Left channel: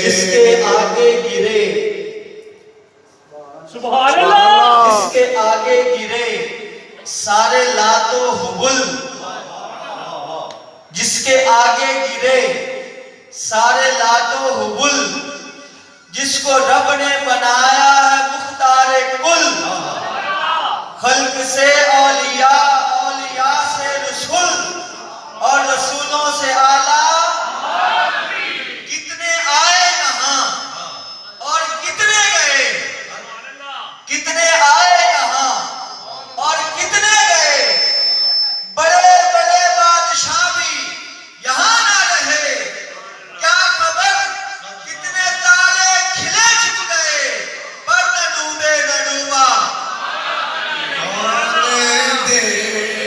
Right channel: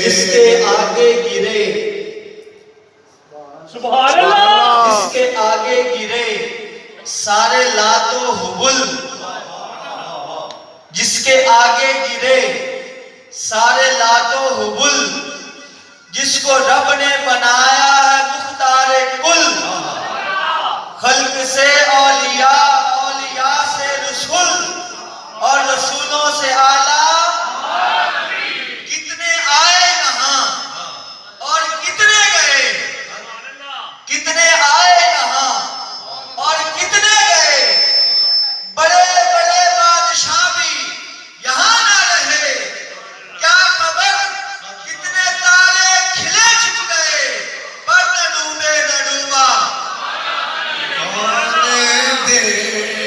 जिसके आगे गिरे, सुभान अल्लाह, जिसके आगे गिरे सारे लातो हुबुल, जिसके आगे गिरे सारे लातो हुबुल, जिसको रब ने बनाया है मुख्तारे कुल, खल्क से औलिया, औलिया से रसूल और रसूलों से आला। कितने आए यहाँ और कितने गए, कितने आए यहाँ और कितने गए, बड़े बड़े बादशाह भी यहाँ ना रहे, क्या खबर कितने तारे खिले छुप गए, पर न डूबे न डूबा। कौन दे